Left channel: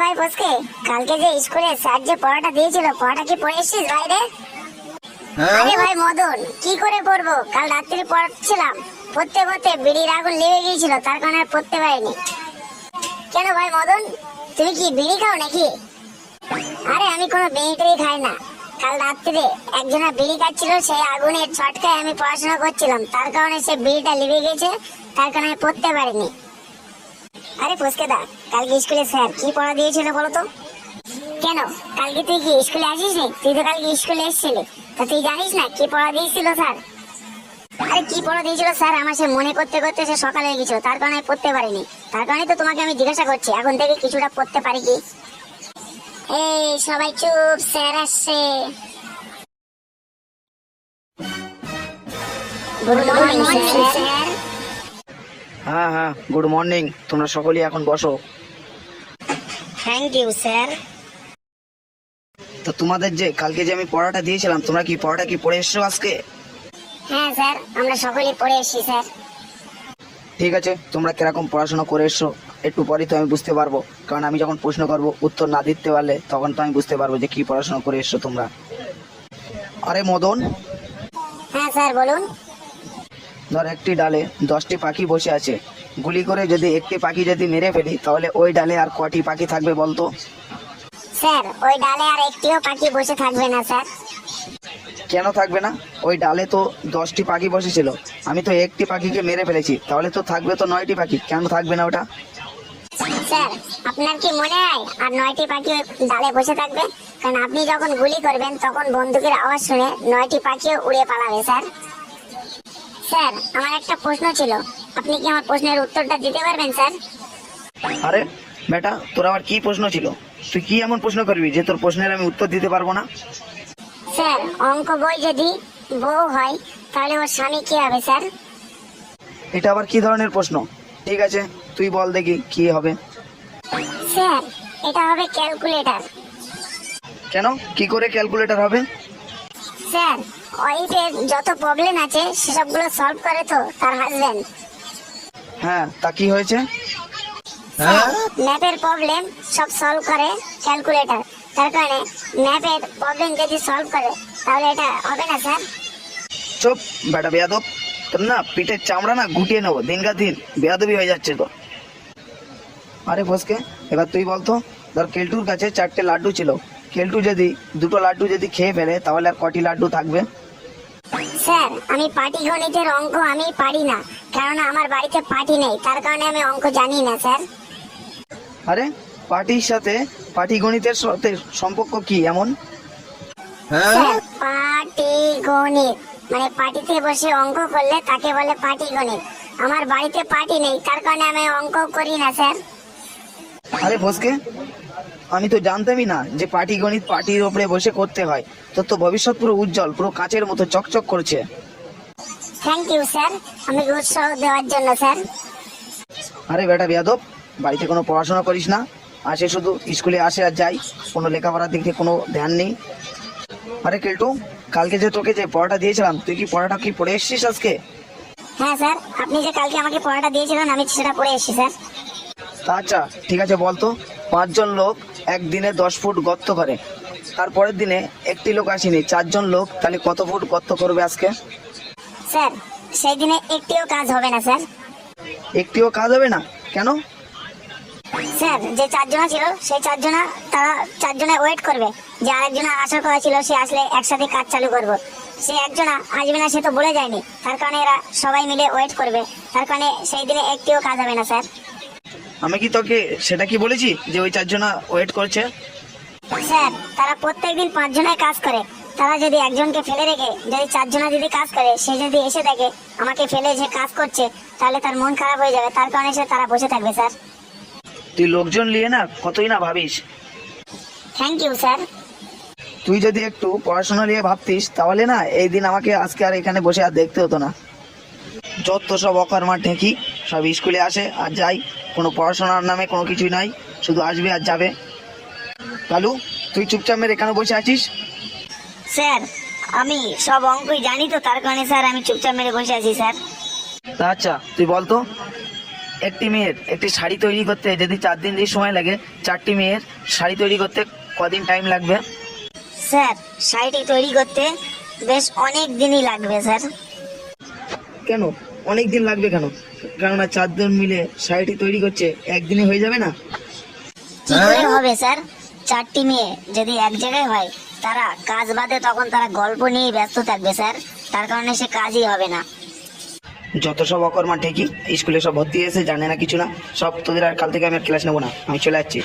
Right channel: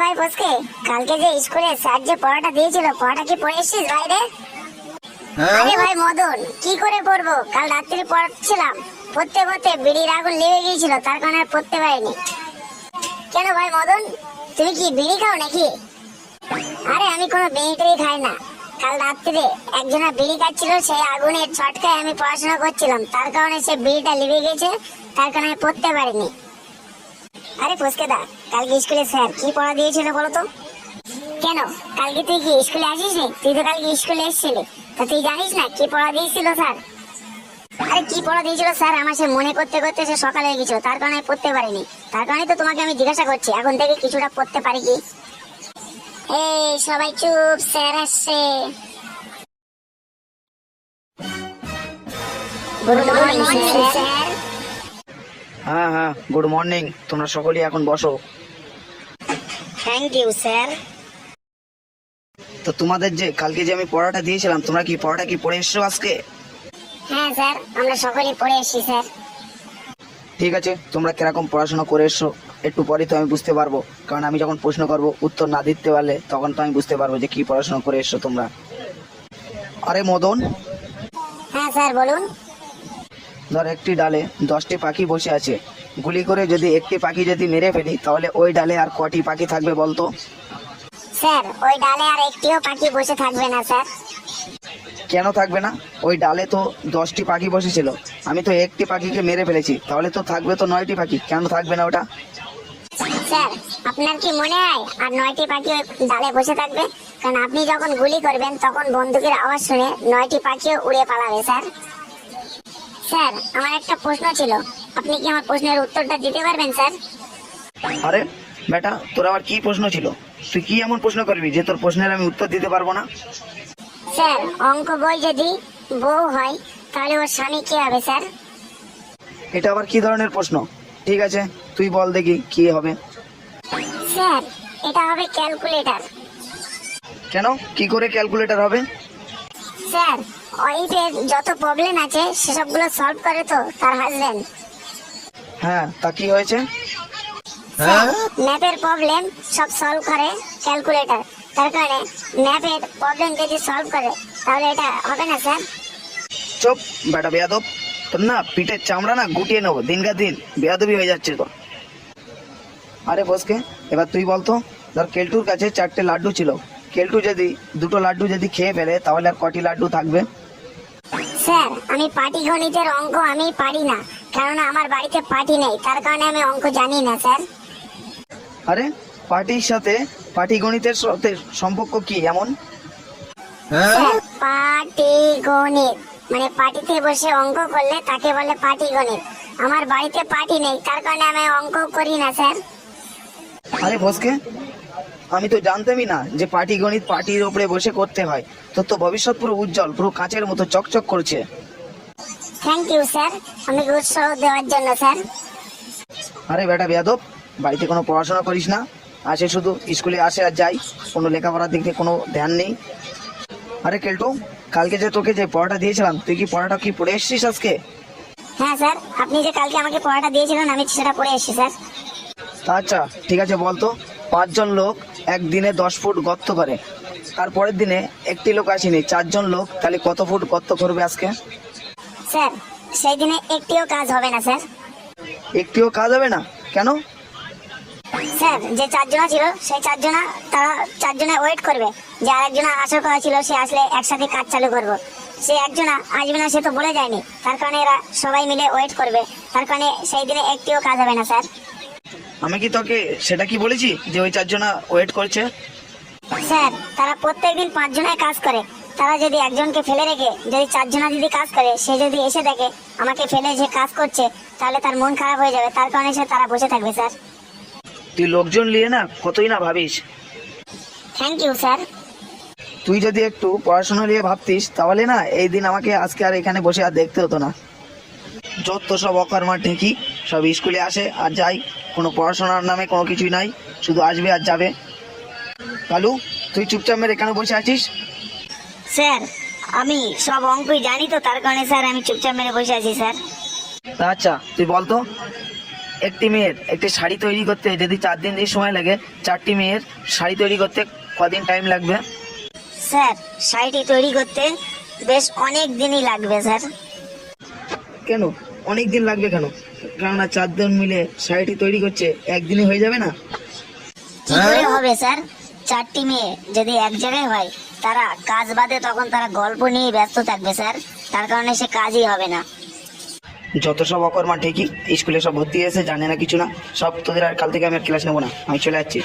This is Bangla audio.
ভাই ফসকে কালকে যে স্কুলে স্যার যে পড়াটা দিয়েছিল পড়াটা কি পড়ে এসেছিস বাইরে আরে ভাই মদন কি করে পড়ব? কাল রাত্রি পড়ছিলাম পড়তে পড়তে বিড়ির আগুন লেগে গিয়েছিল তার কারণে আর পড়তে পারিনি। কেন ভাই মদন তুমি কি বিড়ি খাও নাকি? আরে আমি কোনো বিড়ি টিড়ি খাই না। কাল রাত্রে একজনা বিড়ি খাচ্ছিল সেই আগুনের ছটকায় আমি পড়াশোনা করছিলাম। তার কারণে সে বিড়িটা লিভে গেছে তার কারণে আমি পড়তে পারিনি। আরে ফুসকে দা, কালকে স্কুলে স্যার কি পড়া দিয়েছিল বলো তো কেন? কালকে তুই কি স্কুলে আসিস নি? তুই তো কালকে স্কুলে এসেছিলি। তা তুই জানিস না কি পড়া দিয়েছিল স্যার? আরে কি পড়া দিয়েছিল স্যার? আমার সে মনে করতে করতে সে সকালে গেছিল, তার কারণে পড়তে পারিনি। তার কারণে তো তোমাকে আমি জিজ্ঞাসা করছি, এখন থেকে কিছুটা পড়তে পারি কি? এই সবাই চুপ, স্যার আসছে। গুড মর্নিং স্যার হ্যাঁ হ্যাঁ গুড মর্নিং তোমরা সকলেই এখন বসো। থ্যাংক ইউ স্যার তো তোমাদের যে কালকে যে আমি পড়াটা দিয়েছিলাম তোমরা কি পড়াটা কি পড়ে এসছো আজকে? হ্যাঁ স্যার আমরা সকলেই পড়ে এসেছি স্যার ঠিক আছে তোমরা কীরকম পড়াশোনা করে এসছো একটু পরেই তো আমি বুঝতে পারব। কারণ আমি যখন প্রশ্ন করব উত্তর না দিতে পারলে তখন তো আমি বুঝতে পারব যে কি পড়াশোনা করে এসছো তোমরা। আরে মদন? হ্যাঁ স্যার বলুন। ধর একটি ডালে দশটি পাখি বসে আছে। গুলি করে যদি একটি পাখি যদি মেরে ফেলি তাহলে ওই ডালে আর কটি পাখি থাকবে বলতো? স্যার ওই ডালে আর একটিও পাখি বসে থাকবে না স্যার। কেন থাকবে না? ওই ডালে তো দশটি পাখি বসেছিল। আমি তো একটি পাখিকে মেরে ফেলেছি তাহলে তো থাকবে তো নয়টি পাখি। কেন থাকবে না ওটা? স্যার আপনার কি মনে হয় আর নয়টি পাখি ডালে বসে থাকবে? কারণ আপনি যখন গুলি করবেন তখন বন্দুকের আওয়াজ শুনে নয়টি পাখিও উড়ে পালাবে স্যার। স্যার আমার একটা প্রশ্ন ছিল। আপনি কি আমার প্রশ্নের উত্তরটা দিতে পারবেন স্যার? আরে বেটা তোর আবার কি প্রশ্ন ছিল? তুই কি এমন প্রশ্ন করবি যে তোর প্রশ্নের আমি উত্তর দিতে পারব না? স্যার অঙ্ক বই যদি বউ হয় তাহলে ওর স্বামী কি হবে স্যার? এটা আবার কি ধরনের প্রশ্ন? ঠিক আছে তুই বল দেখি কি হবে। স্যার এটা হবে ক্যালকুলেটর। কেন? কি করে ক্যালকুলেটর হবে? স্যার ওয়াইফের যত প্রবলেম আছে সেসবগুলো সলভ করে তো তার হাজবেন্ড হ্যাঁ তা কি হয়েছে? ম্যাপের প্রবলেম সব সলভ করে ক্যালকুলেটর তার কারণে ম্যাপের প্রবলেম যদি সলভ করে তাহলে এটা হবে না স্যার চুপ বেটা বেয়াদব। তোর না পিঠের চামড়া না গুটিয়ে নেব দিনকা দিন। বেয়াদবি হয়ে যাচ্ছে তো। আরে ফসকে এবার তুই বলতো ধর কেলটুর কাছে চারটে লাড্ডু ছিল। কেলটু যদি দুটো লাড্ডু যদি খেয়ে ফেলে তাহলে আর কটি লাড্ডু থাকবে? স্যার আমি পাটি গণিতের অঙ্ক আমি পারি না কারণ আমার বাড়িতে পাটি নেই তার কারণে আমি অঙ্ক জানি না স্যার। আরে পাটির সাথে পাটিগণিতের সাথে সম্পর্ক কি এমন? স্যার পাটিগণিত মানে পাটিতে বসে অঙ্ক করলে তাকে বলে পাটিগণিত আমার বাড়িতে পাটি নেই তার কারণে আমি অঙ্ক করি না স্যার। আরে ফসকে আমি তো জানতামই না যে পার্টি গণিত পাটির উপরে বসে করতে হয়। তোর তো ভবিষ্যৎ পুরো উজ্জ্বল পুরো কাঁচের মতো চকচক করছে। থ্যাংক ইউ স্যার আমাকে উৎসাহ দেওয়ার জন্য স্যার আরে বেটা বেয়াদব বাড়িতে কোনো পড়াশোনা করিস না। আসে শুধু স্কুলে আসে আর যাই। কোনো লেখাপড়ার দিকে কোনো ধ্যান নেই। আরে কেলটু কালকে যে তোকে যে পড়াটা দিয়েছিলাম তুই কি পড়াটা কি পড়ে এসেছিস আজকে? হ্যাঁ স্যার আপনি যে কালকে আমাকে পড়াটা দিয়েছিলেন আমি সেটা পড়ে এসেছি স্যার আচ্ছা ঠিক আছে বলতো। পাঁচজন লোক একদিনে দশ ফুট গর্ত করে। তারপরের দিনে একটি লোক আসেনি। চারজন লোক তাহলে কত ফুট গর্ত করবে আজকে? স্যার সেই দিনে একটিও কাজ হবে না স্যার। একটিও কাজ হবে না? কেন? স্যার যে চারজনা ছিল সেই চারজনা তারা চারজনে ওয়েট করবে। যে আরেকজনা আসার কথা ছিল সে আসলে একসাথে কাজ চালু করব। সে একজনা আসবে না সে তো বলে যায়নি। তার কারণে এরা সবাই মিলে ওয়েট করবে। তার কারণে সেই দিনে একটিও কাজ হবে না স্যার। আমি কি তোকে সেটা কি বলেছি যে ওই চারজনা ওয়েট করছে? স্যার তারা প্রত্যেকদিন পাঁচজনের কাজ করে। তারা যদি একজনকে ফেলে রেখে যদি চারজনা যদি কাজ করে সে যদি এসে দেখে আমাকে ফেলে যে কাজ করছে তাহলে তার মন খারাপ হয়ে যাবে। তার কারণে সে তারা বসে থাকবে স্যার। তুই লোকজন নিয়ে না কতই না ভাবিস? Thank you sir. তুই যদি একটু পড়াশোনা নিয়ে ভাবতিস তাহলে না এই দিন আমাকে আজকে আর এখানে বসে আর দেখতে হতো না। যত সব অকর্মা ঠেকি সব স্কুলে আসে আর যাই। কোনো পড়াশোনার নামে কোনো কিছুই নাই শুধু আসবে আর যাবে। কালু তুই চুপচাপ মেরে এখানে বসে আছিস? স্যার আমি সব অঙ্কই জানি তো তার কারণে স্যার আমি চুপচাপ মেরে বসে আছি স্যার। আচ্ছা তুই বলতো একটি মেয়ের একটি শাড়ি তৈরি করতে যদি চার দিন দিয়ে সময় লাগে চারটি মেয়ের শাড়ি তৈরি করতে কদিন টাইম লাগবে? স্যার শাড়িটি তৈরি করতে বেশ অনেক দিনই লাগবে স্যার। কেন? অনেক দিন লাগবে কেন? কেননা চারজন মিলে শাড়িটি তৈরি করছে একদিনে হয়ে যাবে না? কি করে হবে স্যার? চারটি মেয়ে যদি এক জায়গায় হয় তারা কাজ বাদে তখন তারা গল্প নিয়ে ব্যস্ত থাকবে স্যার। তার কারণে সে কাজই হবে না। যত সব অকর্মা ঠিকই স্কুলে সব ভর্তি হয়েছে জানে না কিছু না। সব তোদের আর কাল থেকে আমি আর ক্লাস নেব না। আমি চলে যাচ্ছি।